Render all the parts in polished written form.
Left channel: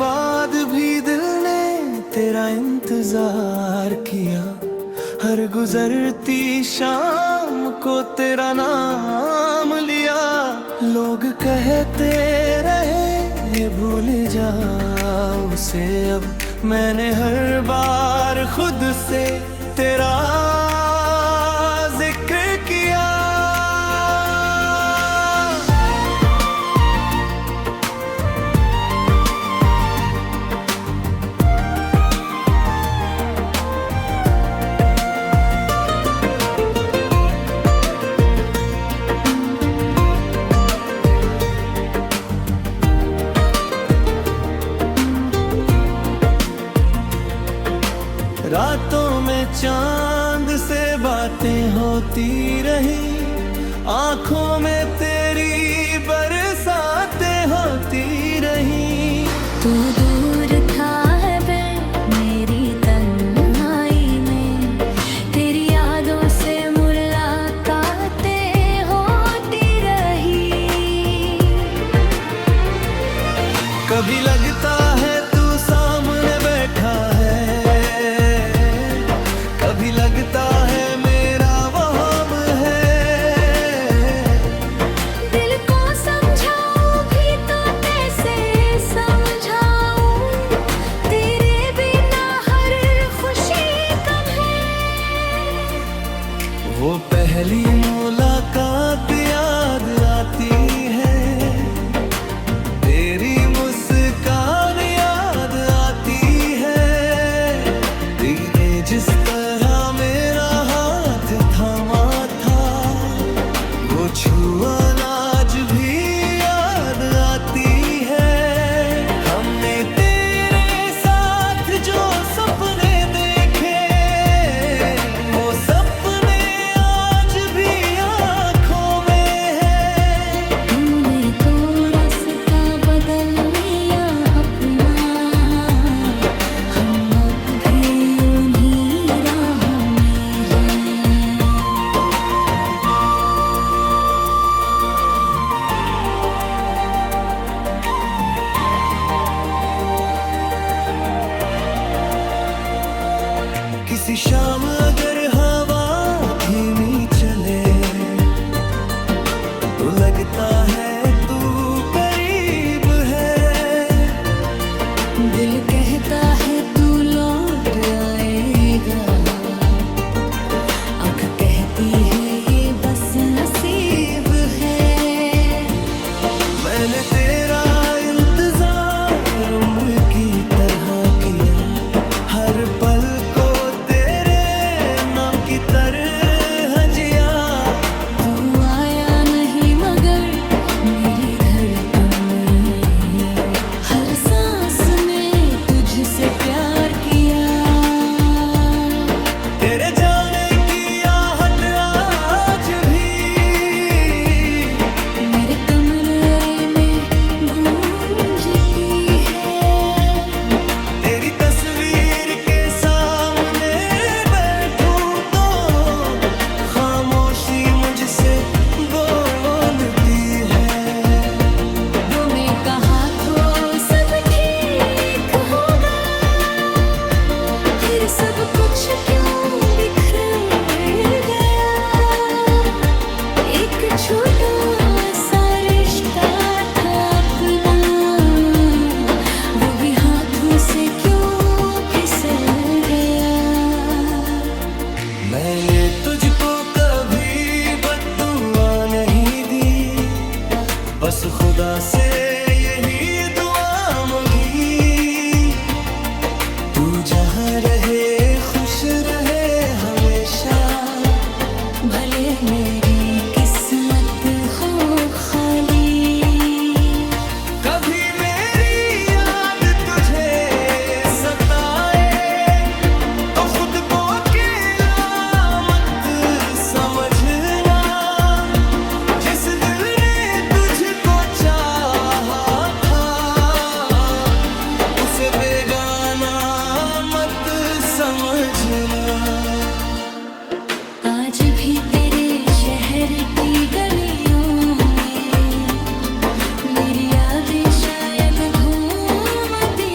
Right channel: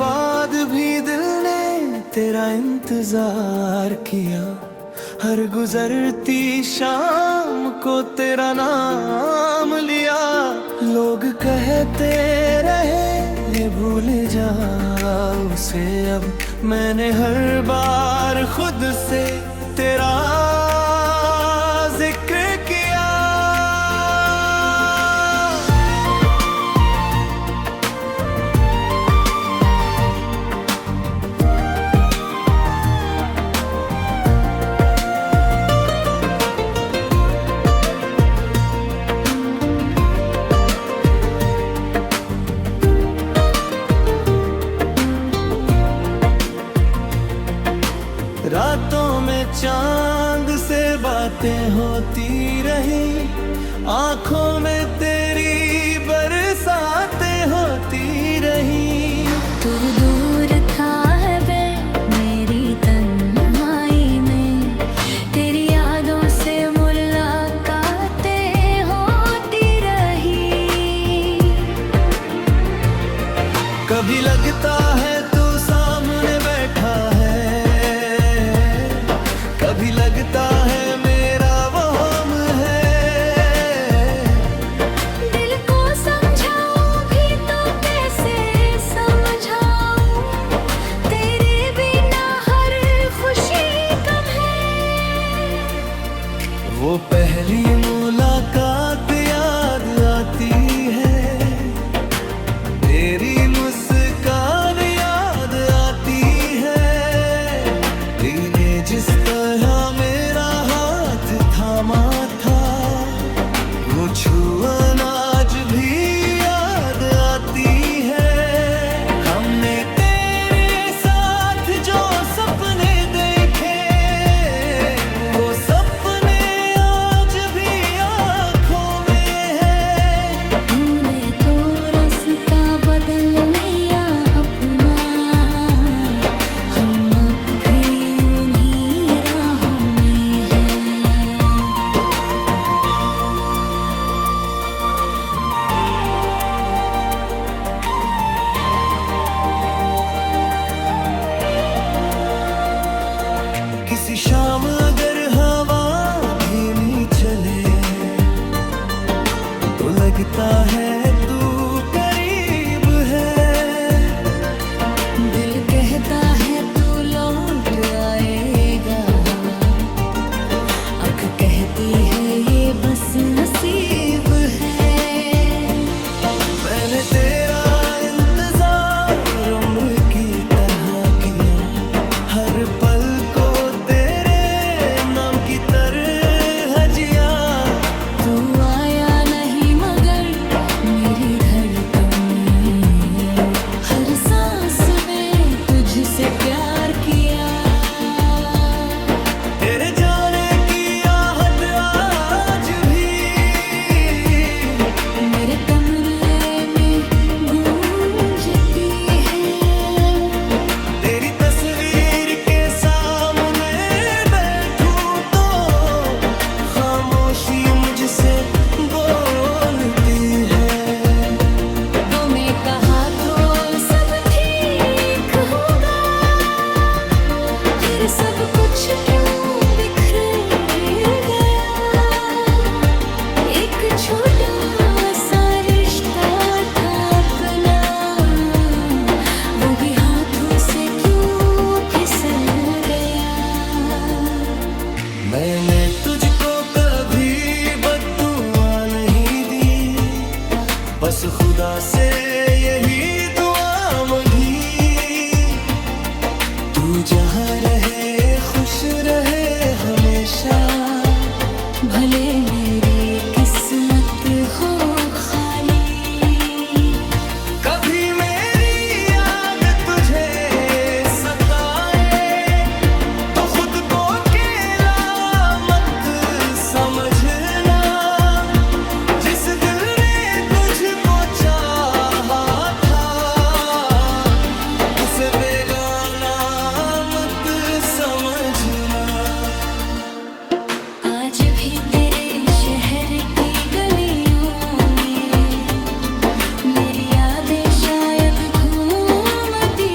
बाद भी दिल ने तेरा इंतजार किया, हर गुजरती शाम को तेरा नाम लिया। लोग कहते रहे भूल जाओ उसे, अब मैंने हर बार खुद से तेरा जिक्र किया। रातों में चांद से बातें होती रही, आंखों में तेरी बरसातें होती रही। तू दूर था है बे मेरी तन्हाई में, तेरी यादों से मुलाकातें होती रही। कभी लगता है तू सामने बैठा है, कभी लगता है मेरा वहम है। दिल को समझाऊं भी तो कैसे समझाऊं, तेरे बिना हर खुशी कम है। वो पहली मुलाकात याद आती है, तेरी मुस्कान याद आती है। तूने जिस तरह मेरा हाथ थामा था, वो छुअन आज भी याद आती है। हमने तेरे साथ जो सपने देखे, वो सपने आज भी आँखों में है। तूने तो रास्ता बदल लिया अपना, हम अब भी उन्हीं राहों में हैं। किसी शाम अगर हवा धीमी चले, तो लगता है तू करीब है। दिल कहता है तू लौट आएगा, आँख कहती है ये बस नसीब है। मैंने तेरा इंतजार उम्र की तरह किया, हर पल को तेरे नाम की तरह जिया। तू आया नहीं मगर मेरी धड़कन में, हर सांस में तुझसे प्यार किया। तेरे जाने की आहट आज भी मेरे कमरे में गूंजती है। तेरी तस्वीर के सामने बैठूं तो खामोशी मुझसे बोलती है। वो मैं कहा तो सब ठीक होगा, फिर सब कुछ क्यों बिखर गया। एक छोटा सा रिश्ता था अपना, वो भी हाथों से क्यों फिसल गया। मैंने तुझको कभी बद्दुआ नहीं दी, बस खुदा से यही दुआ मांगी। तू जहाँ रहे खुश रहे हमेशा, भले मेरी किस्मत हो खाली। कभी मेरी याद तुझे सताए, तो खुद को अकेला मत समझना। जिस दिल ने तुझको चाहा था, उसे बेगाना मत समझना। आज भी तेरे शहर की गलियों में मेरी यादें शायद घूमती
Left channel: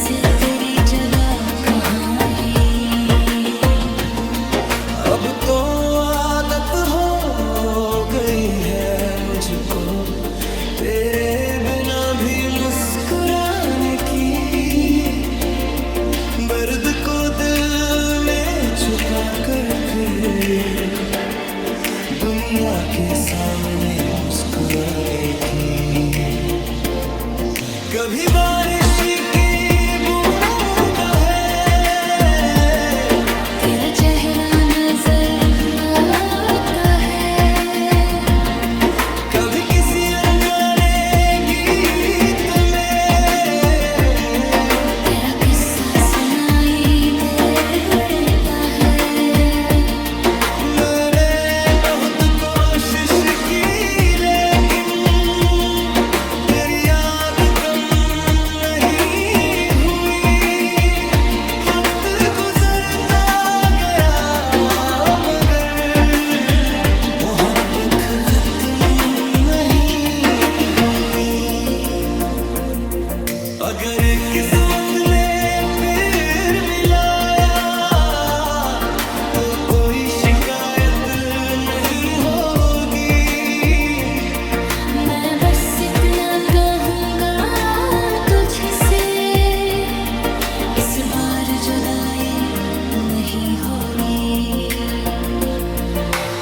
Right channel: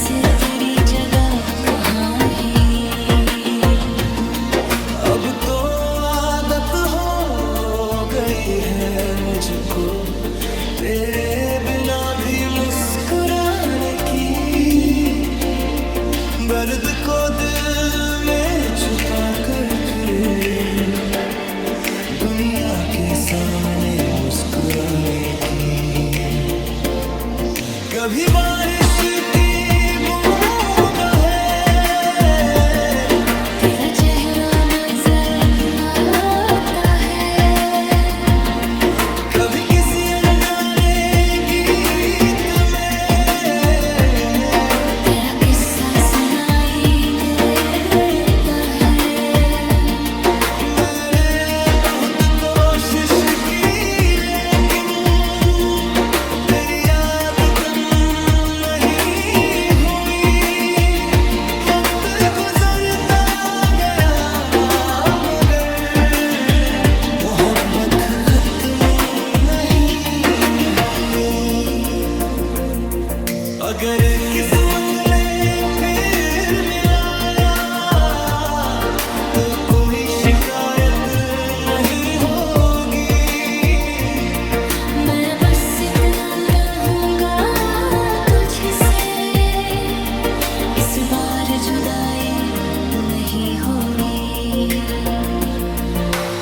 वैसे तेरी जगह कहाँ ही। अब तो आदत हो गई है मुझको तेरे बिना भी मुस्कुराने की। दर्द को दिल में छुपा कर फिर दुनिया के सामने मुस्कुराने की। कभी बारिश की बूंद है तेरा चेहरा नजर आता है। कभी किसी अनजाने गीत में तेरा किस्सा सुनाई देता है। मैंने बहुत कोशिश की लेकिन तेरी याद कम नहीं हुई। वक्त गुजरता गया मगर मोहब्बत खत्म नहीं हुई। अगर किस्मत ने फिर मिलाया तो कोई शिकायत नहीं होगी। मैं बस इतना कहूँगा तुझसे, इस बार जुदाई नहीं होगी।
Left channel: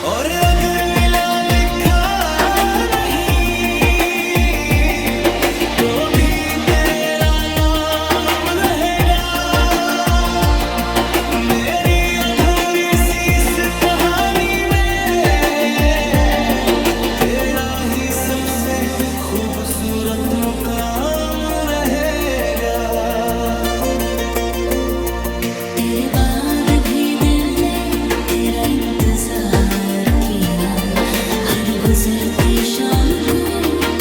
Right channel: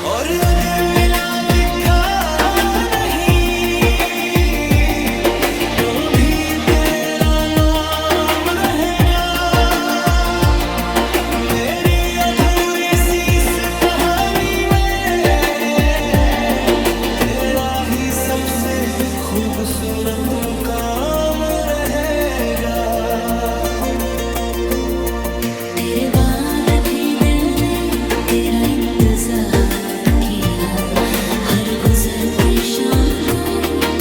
और अगर मिला लिखा नहीं तो भी तेरा नाम रहेगा। मेरी अधूरी सी इस कहानी में तेरा ही सबसे खूबसूरत मुकाम रहेगा। तेरे बाद भी दिल ने तेरा इंतजार किया। हर गुजरती शाम को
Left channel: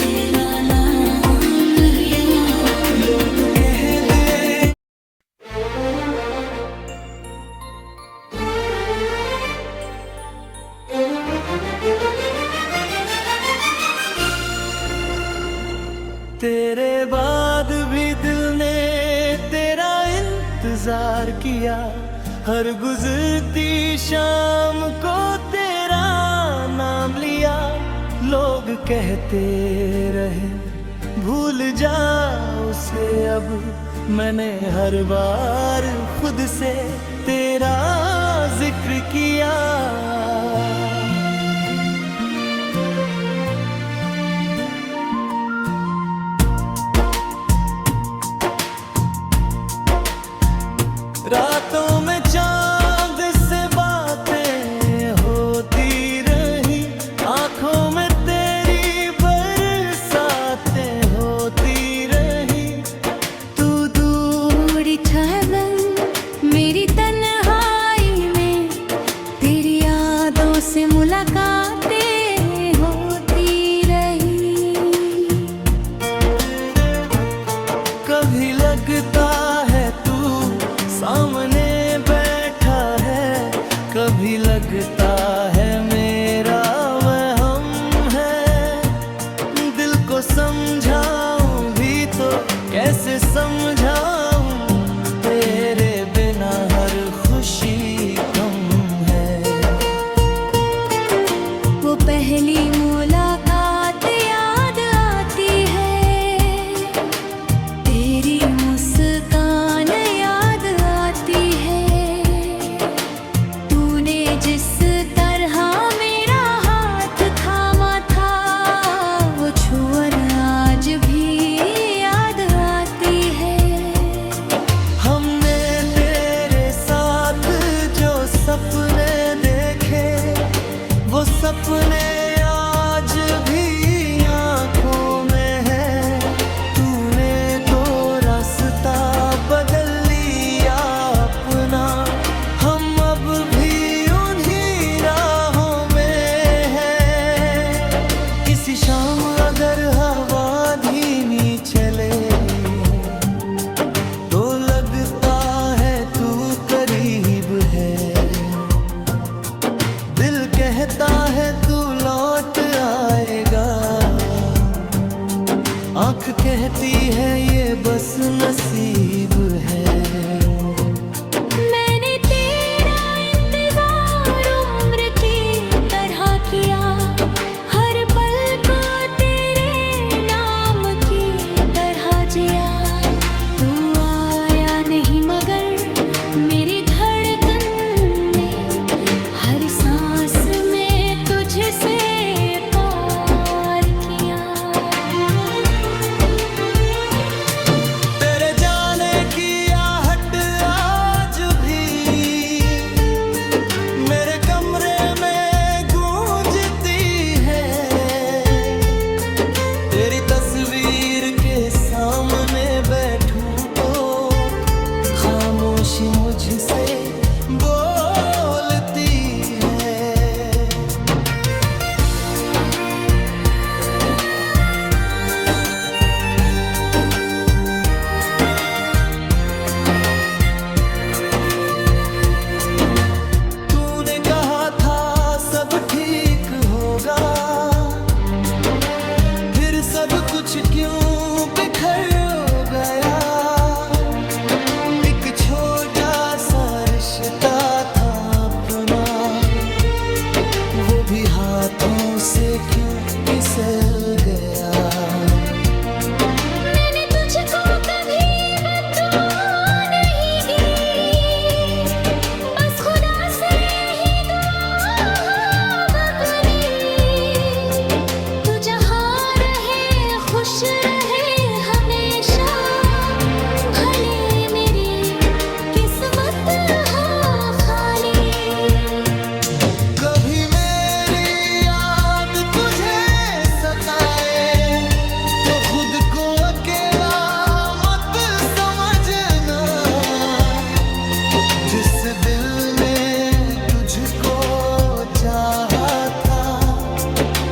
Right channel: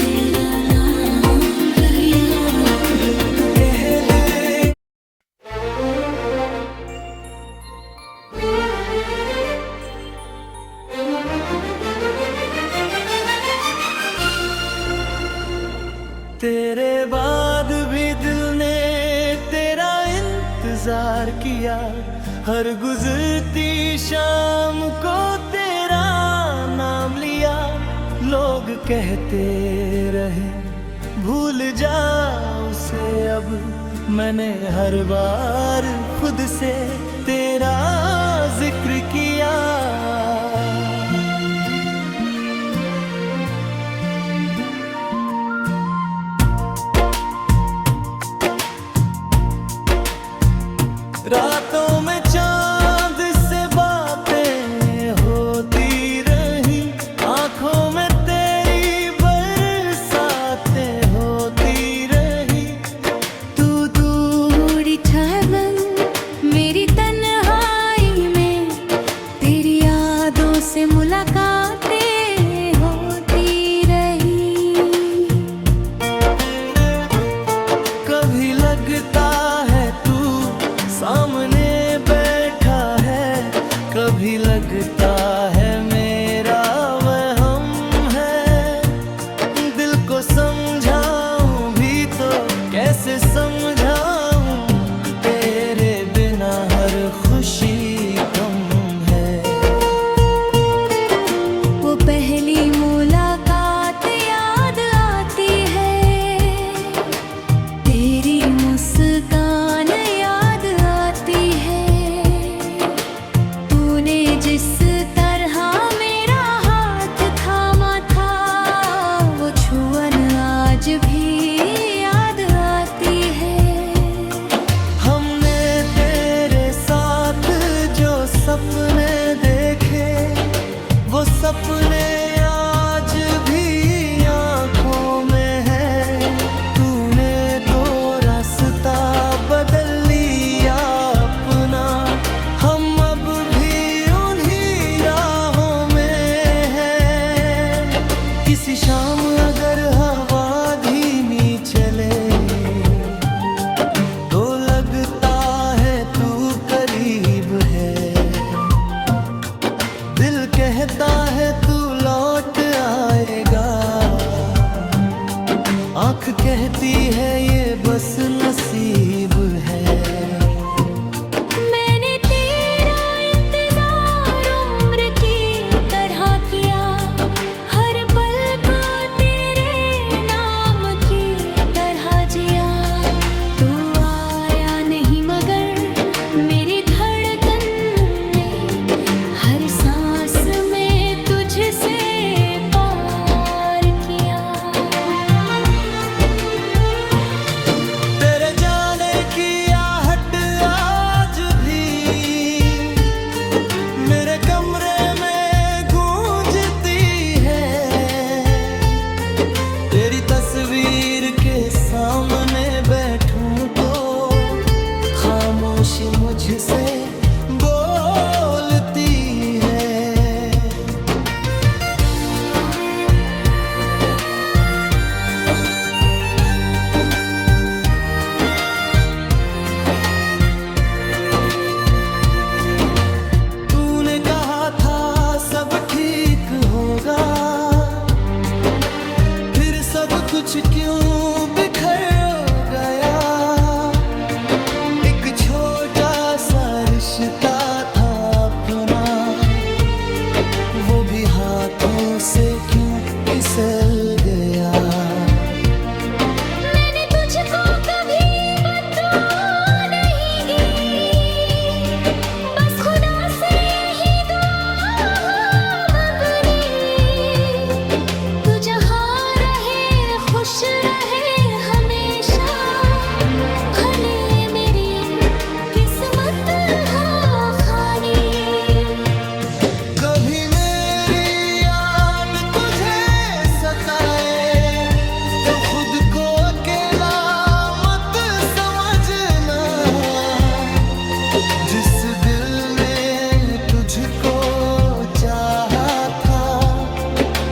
तेरा नाम लिया। लोग कहते तेरे बाद भी दिल ने तेरा इंतजार किया। हर गुजरती शाम को तेरा नाम लिया। लोग कहते रहे भूल जा उसे अब। मैंने हर बार खुद से तेरा जिक्र किया। रातों में चांद से बातें होती रही। आंखों में तेरी बरसातें होती रही। तू दूर ठहर मेरी तन्हाई में, तेरी यादों से मुलाकातें होती रही। कभी लगता है तू सामने बैठा है। कभी लगता है मेरा वहम है। दिल को समझाऊं भी तो कैसे समझाऊं। तेरे बिना हर खुशी कम है। वो पहली मुलाकात याद आती है। तेरी मुस्कान याद आती है। तूने जिस तरह मेरा हाथ थामा था, वो छुअन आज भी याद आती है। हमने तेरे साथ जो सपने देखे वो सपने आज भी आंखों में है। तूने तो रास्ता बदल लिया अपना। हम अब भी उन्हीं राहों में हैं। किसी शाम अगर हवा धीमी चले तो लगता है तू करीब है। दिल कहता है तू लौट आएगा। आंख कहती है ये बस नसीब है। मैंने तेरा इंतजार उम्र की तरह किया, हर पल को तेरे नाम की तरह जिया। तू आया नहीं मगर मेरी धड़कन ने हर सांस में तुझसे प्यार किया। तेरे जाने की आहट आज भी मेरे कमरे में गूंजती है। तेरी तस्वीर के सामने बैठूं तो खामोशी मुझसे बोलती है। तूने कहा था सब ठीक होगा, फिर सब कुछ क्यों बिखर गया। एक छोटा सा रिश्ता था अपना, वो भी हाथों से क्यों फिसल गया। मैंने तुझको कभी बददुआ नहीं की, बस खुदा से यही दुआ मांगली। तू जहाँ रहे खुश रहे हमेशा, भले मेरी किस्मत हो खाली। कभी मेरी याद तुझे सताए तो खुद को अकेला मत समझना। जिस दिल ने तुझको चाहा था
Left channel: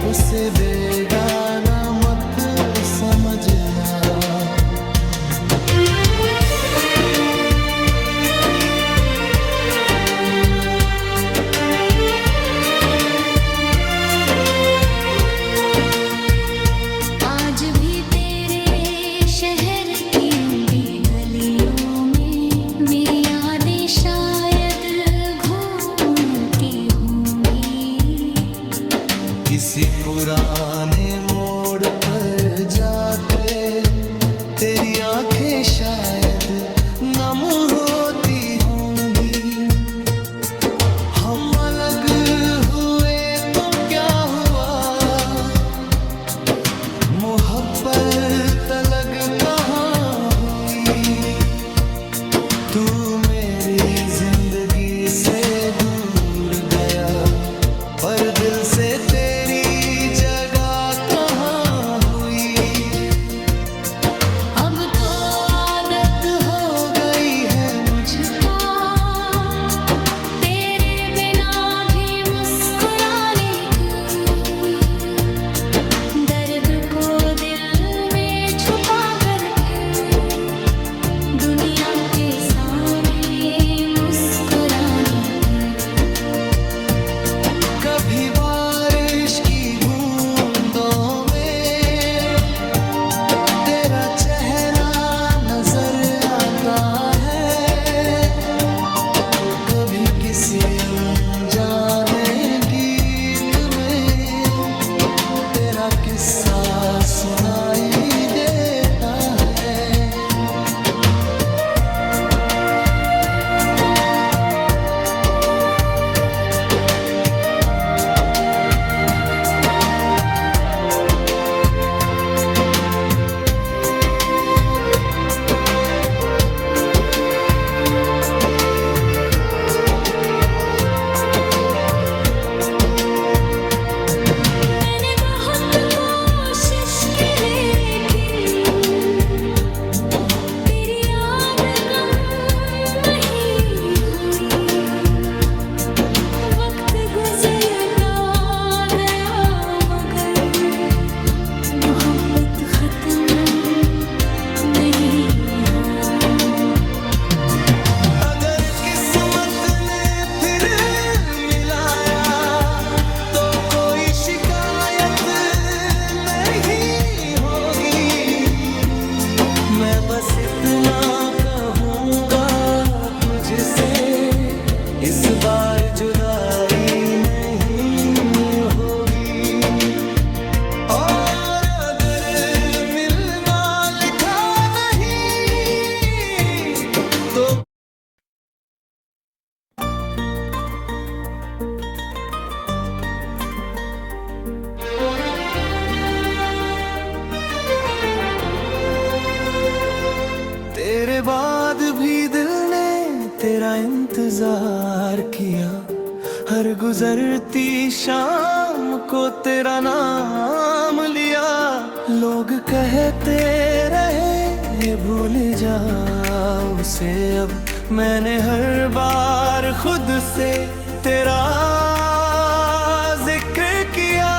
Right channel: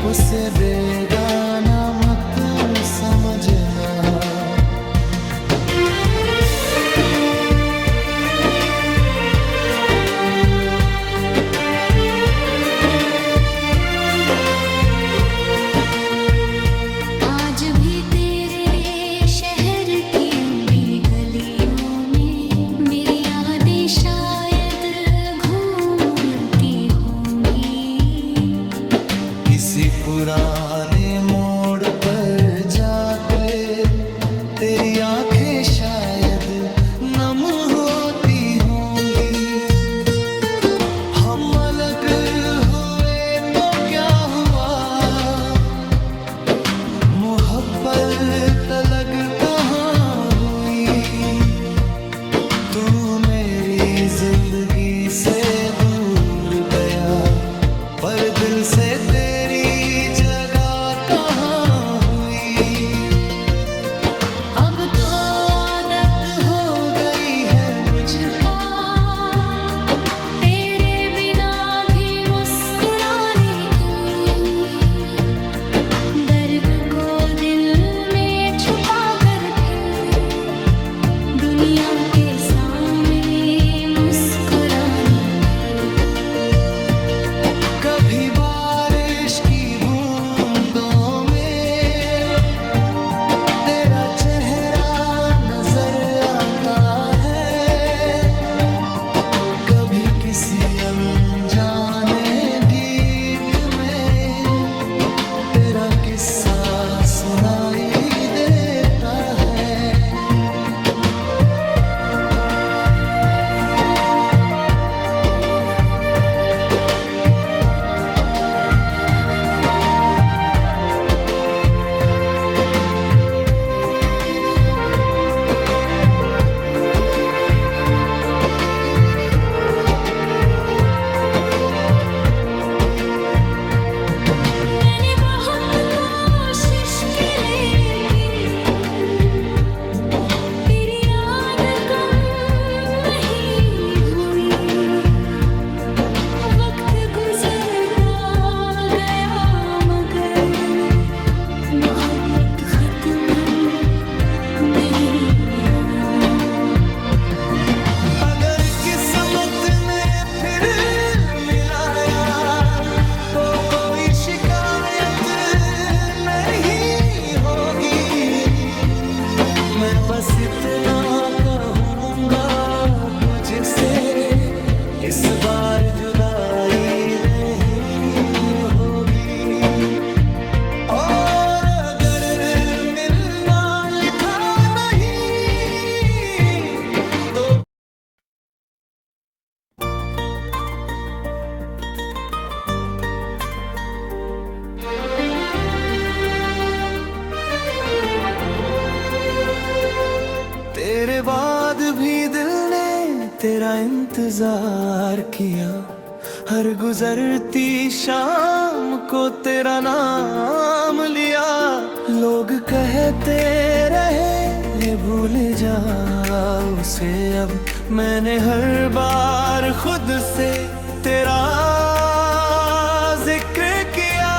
उसे बेगाना मत समझना। आज भी तेरे शहर की उम्री गलियों में मेरी यादें शायद घूमती होंगी। किसी पुराने मोड़ पर जाके तेरी आंखें शायद नम होती होंगी। हम अलग हुए तो क्या हुआ, मोहब्बत अलग कहाँ हुई। तू मेरी जिंदगी से दूर गया, पर दिल से तेरी जगह कहाँ हुई। अब तो आदत हो गई है मुझको तेरे बिना भी मुस्कुराने की। दर्द को दिल में छुपा कर फिर दुनिया के सामने मुस्कुराने की। कभी बारिश की बूंदों में तेरा चेहरा नजर आता है। कभी किसी अनजाने गीत में तेरा किस्सा सुनाई देता है। मैंने बहुत कोशिश की लेकिन बस इतना कहूँगा तुझसे, इस बार जुदाई नहीं होगी। और अगर मिलना लिखा नहीं तो तेरे बाद भी दिल ने तेरा इंतजार किया, हर गुजरती शाम को तेरा नाम लिया। लोग कहते रहे भूल जा उसे, अब मैंने हर बार खुद से तेरा जिक्र किया।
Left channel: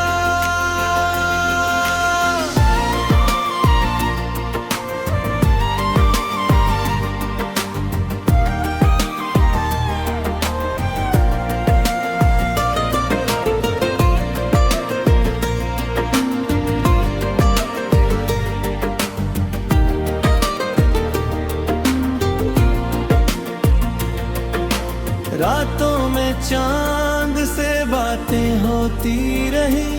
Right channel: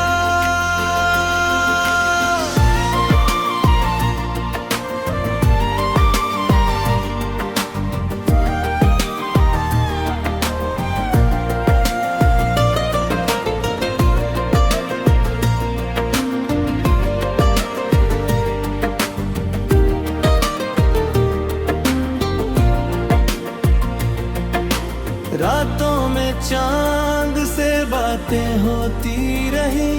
रातों में चांद से बातें होती रही,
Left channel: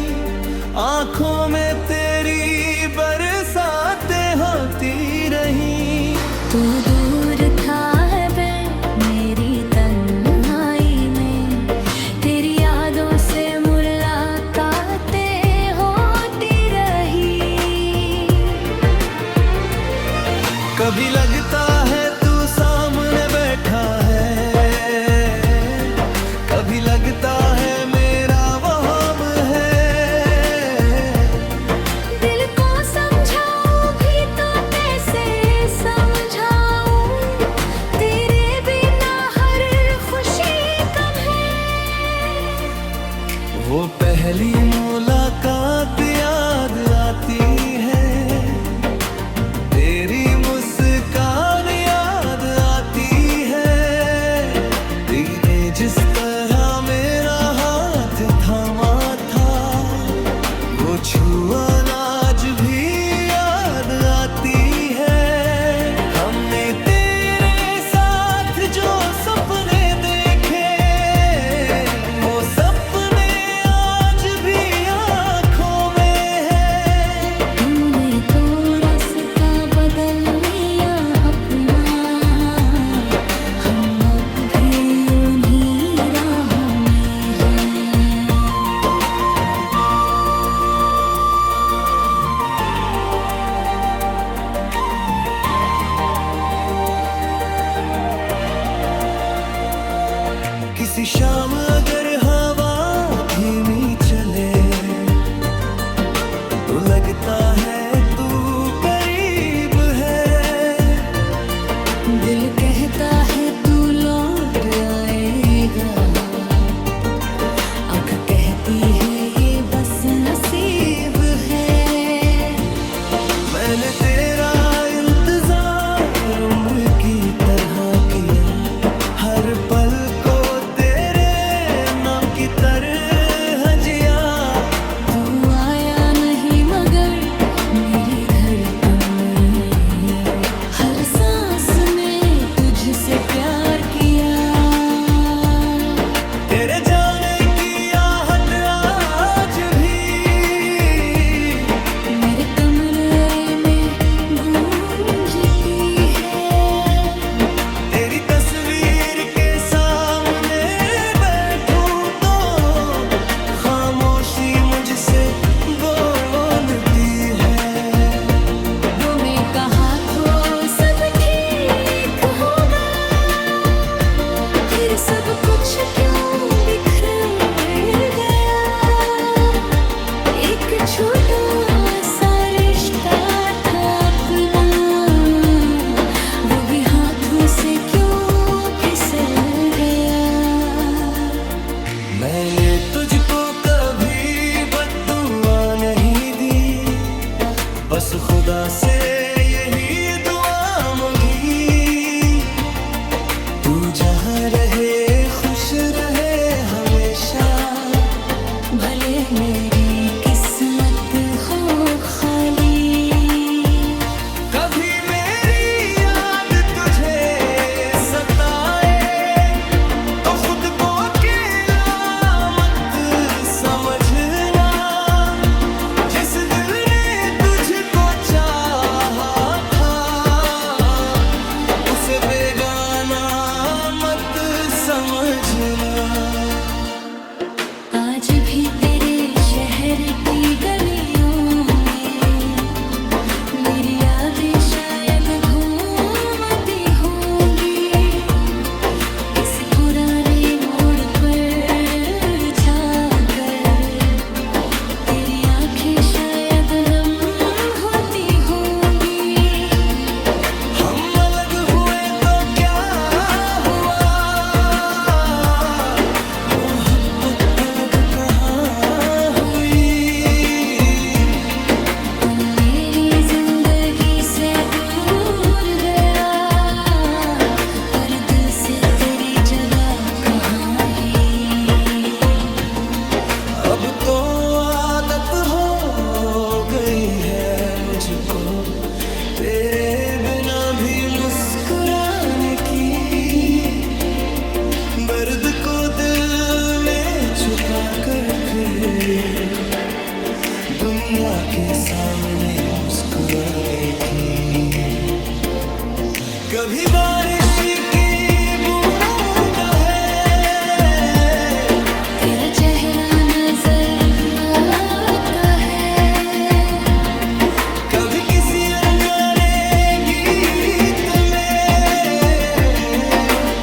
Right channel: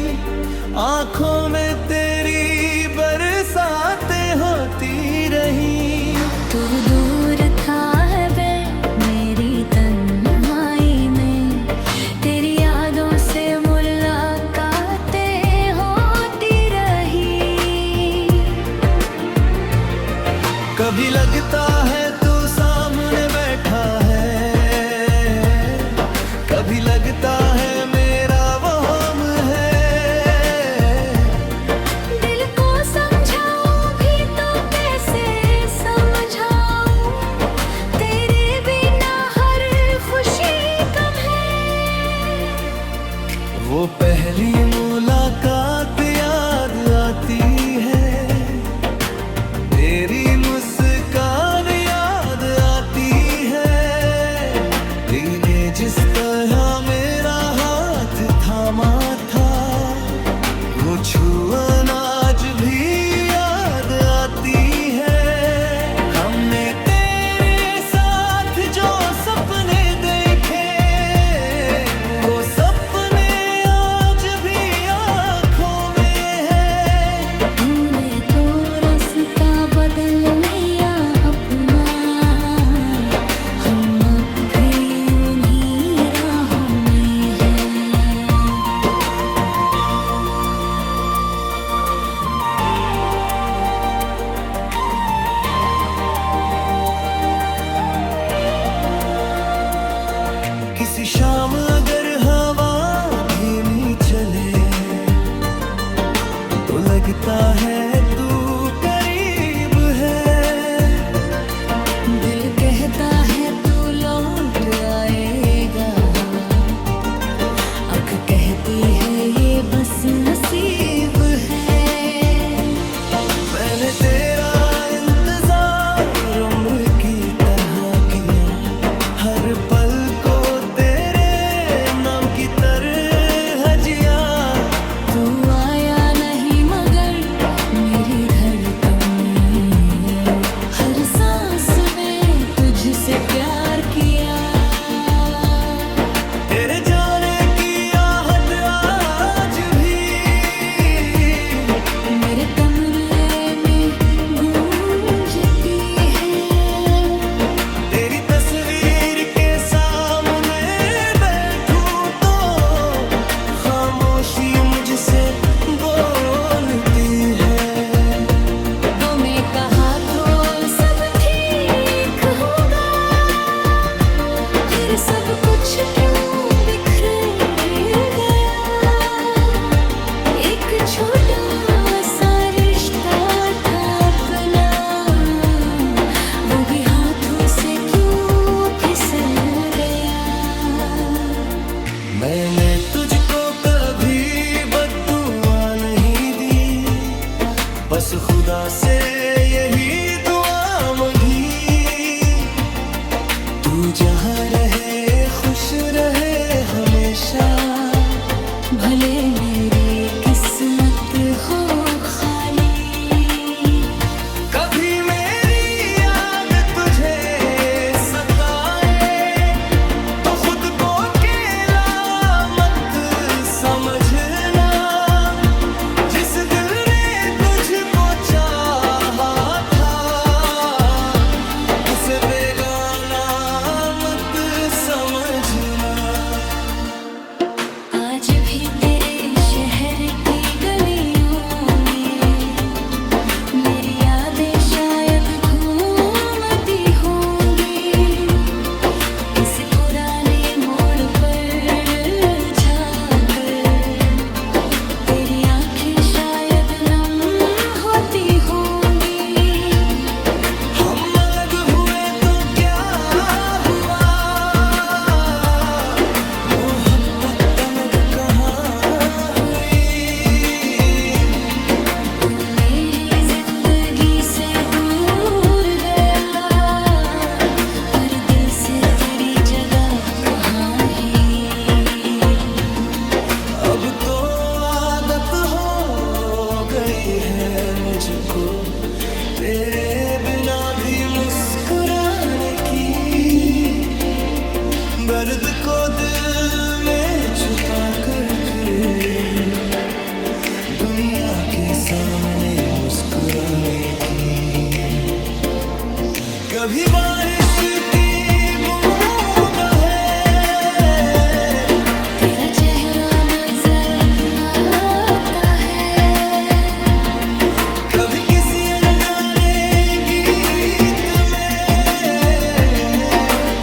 आंखों में तेरी बरसातें होती रही। तू दूर था है बे मेरी तन्हाई में, तेरी यादों से मुलाकातें होती रही। कभी लगता है तू सामने बैठा है, कभी लगता है मेरा वहम है। दिल को समझाऊं भी तो कैसे समझाऊं, तेरे बिना हर खुशी कम है। वो पहली मुलाकात याद आती है, तेरी मुस्कान याद आती है। तूने जिस तरह मेरा हाथ थामा था, वो छुअन आज भी याद आती है। हमने तेरे साथ जो सपने देखे, वो सपने आज भी आँखों में है। तूने तो रास्ता बदल लिया अपना, हम अब भी उन्हीं राहों में हैं। किसी शाम अगर हवा धीमी चले, तो लगता है तू करीब है। दिल कहता है तू लौट आएगा, आँख कहती है ये बस नसीब है। मैंने तेरा इंतजार उम्र की तरह किया, हर पल को तेरे नाम की तरह जिया। तू आया नहीं मगर मेरी धड़कन में, हर सांस में तुझसे प्यार किया। तेरे जाने की आहट आज भी मेरे कमरे में गूंजती है। तेरी तस्वीर के सामने बैठूं तो खामोशी मुझसे बोलती है। वो मैं कहा तो सब ठीक होगा, फिर सब कुछ क्यों बिखर गया। एक छोटा सा रिश्ता था अपना, वो भी हाथों से क्यों फिसल गया। मैंने तुझको कभी बद्दुआ नहीं दी, बस खुदा से यही दुआ मांगी। तू जहाँ रहे खुश रहे हमेशा, भले मेरी किस्मत हो खाली। कभी मेरी दीवाना मत समझना। आज भी तेरे शहर की गलियों में मेरी यादें शायद घूमती होंगी, किसी पुराने मोड़ पर जाकर तेरी आंखें शायद नम होती होंगी। हम अलग हुए तो क्या हुआ, मोहब्बत अलग कहाँ हुई। तू मेरी जिंदगी से दूर गया, पर दिल से तेरी जगह कहाँ ही। अब तो आदत हो गई है मुझको तेरे बिना भी मुस्कुराने की, दर्द को दिल में छुपा कर फिर दुनिया के सामने मुस्कुराने की। कभी बारिश की बूंद है, तेरा चेहरा नजर आता है, कभी किसी अनजाने गीत में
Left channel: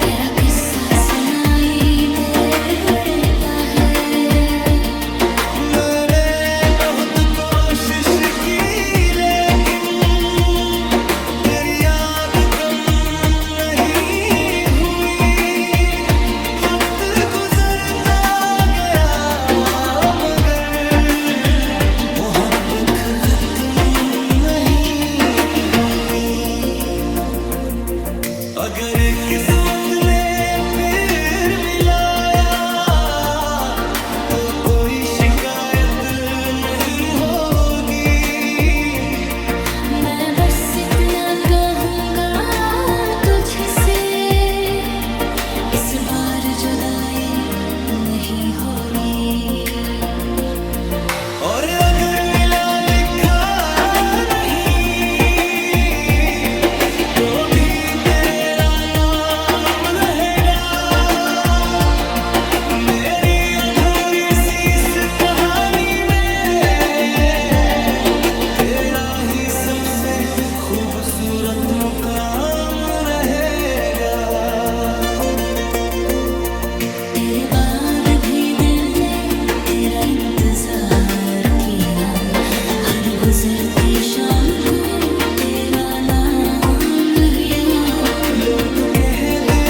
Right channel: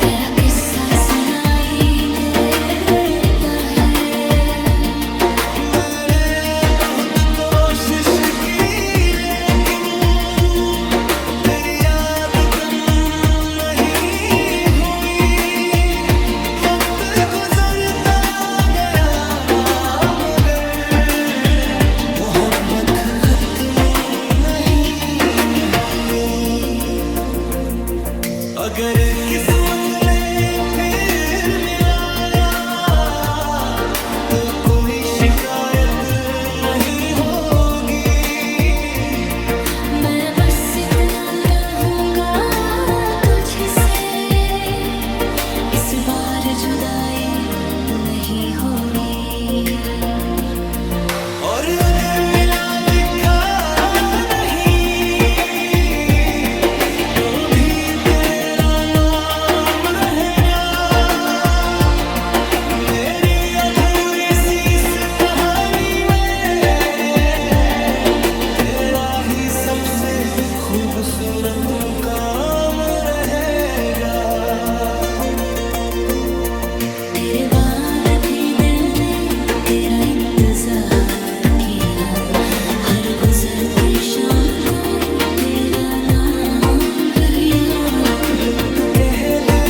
तेरा किस्सा सुनाई देता है। मैंने बहुत कोशिश की लेकिन तेरी याद कम नहीं हुई। वक्त गुजरता गया मगर मोहब्बत खत्म नहीं हुई। अगर किस्मत ने फिर मिलाया तो कोई शिकायत नहीं होगी। मैं बस इतना कहूँगा तुझसे, इस बार जुदाई नहीं होगी। और अगर मिला लिखा नहीं तो भी तेरा नाम रहेगा। मेरी अधूरी सी इस कहानी में तेरा ही सबसे खूबसूरत मुकाम रहेगा। तेरे बाद भी दिल ने तेरा इंतजार किया, हर गुजरती शाम को तेरा नाम लिया। लोग कहते